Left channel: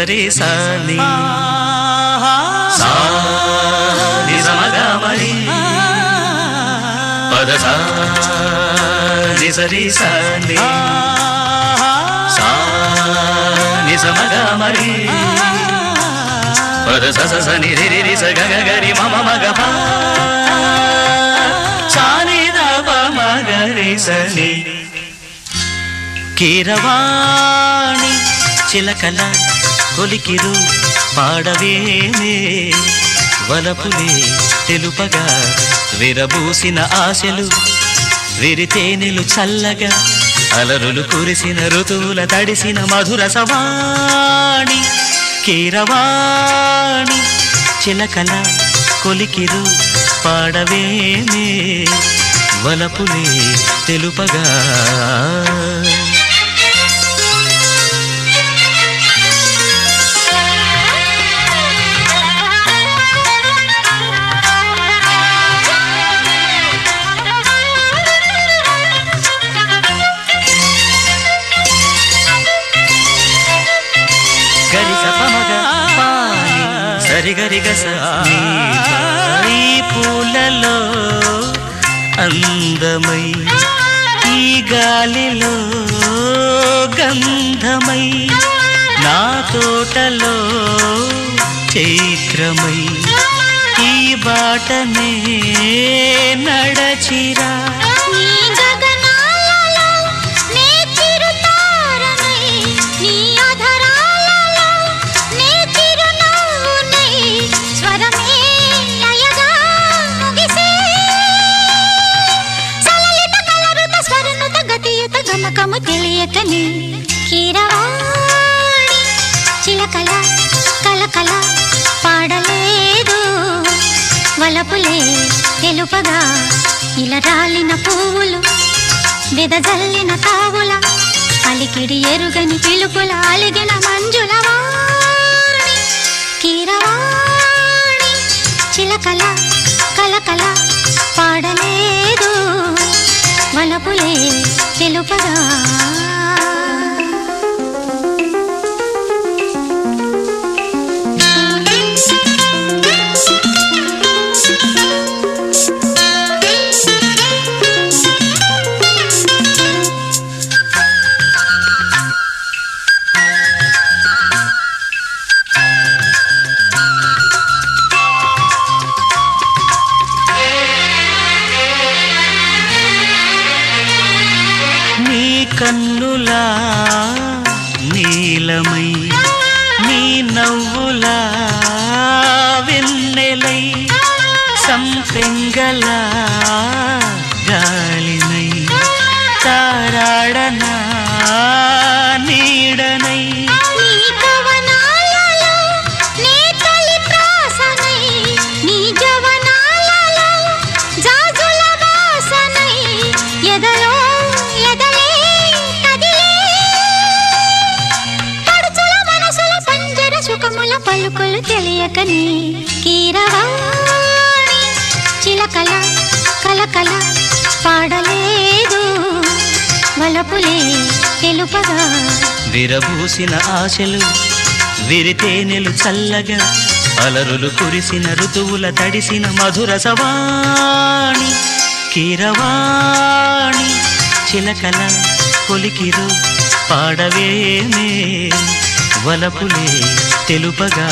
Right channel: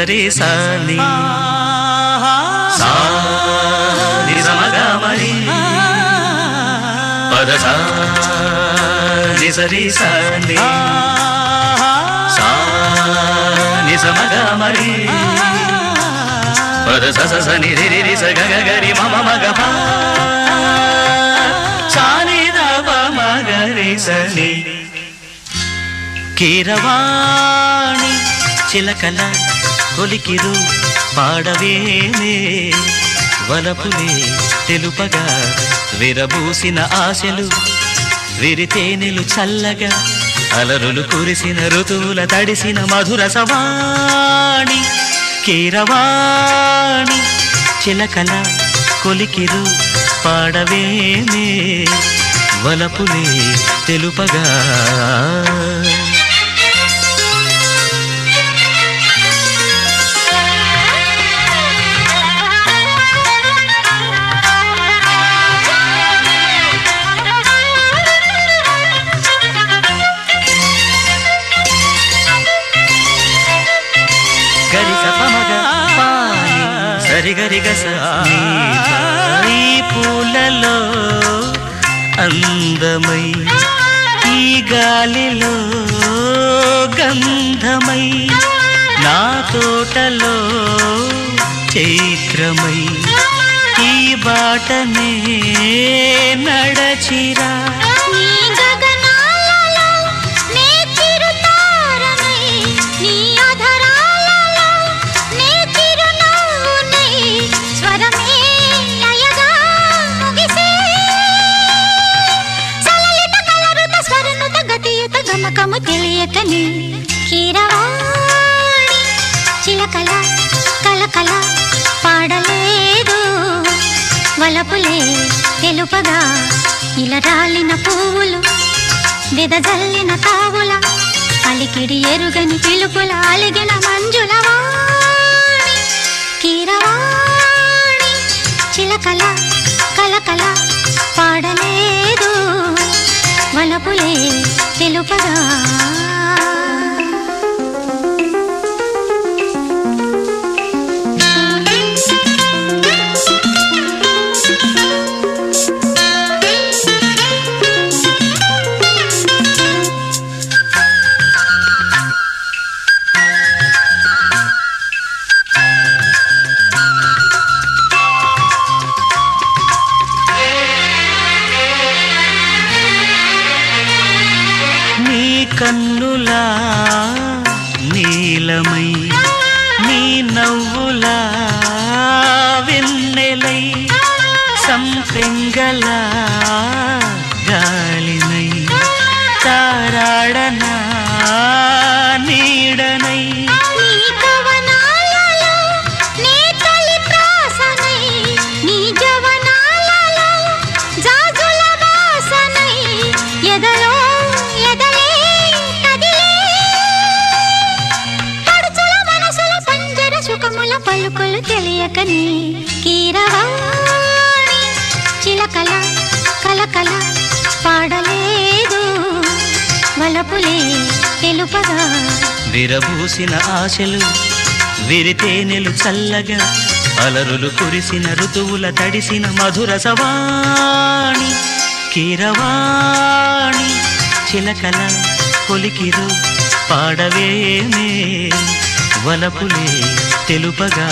సరి సాని సాని సమగమరి పద సాని సరి సాని సాని సమగమరి పద సని రి రి స గ గ రి మ మ మ గ ప సాని ద ప మ గ రి సని కీరవాణి చిలకల కొలికిరు పాడవేమే వలపులే తెలుపగా విరబూసిన ఆశలు విరితేనెలు చల్లగా అలరులు కురిసిన ఋతువుల తడిసిన మధుర సవాణి కీరవాణి చిలకల కొలికిరు పాడవేమే వలపులే తెలుపగా సరిగరిగస ఈ పూలలో అందమై ఈ గాలిలో గంధమై నా తోటలో చైత్రమై ఈ బాటనే నడచిరా గమకము తెలియకని కీరవాణి చిలకల కలకల పాడలేదు వలపులే తెలుపగా ఇలా రాలిన పువ్వులు వెదజల్లిన తావుల అలికిడి ఎరుగని పిలుపుల అలిగిన మంజుల వాణి కీరవాణి చిలకల కలకల పాడలేదు వలపులే తెలుపగా కన్నులా నీలమై నీ నవ్వులా వెన్నెలై సంపెంగల గాలినై తారాడనా నీడనై పలుకులు తెలియకని కీరవాణి చిలకల కలకల పాడలేదు వలపులే తెలుపగా విరబూసిన ఆశలు విరితేనెలు చల్లగా అలరులు కురిసిన ఋతువుల తడిసిన మధుర సవాణి కీరవాణి చిలకల కొలికిరు పాడవేమే వలపులే తెలుపగా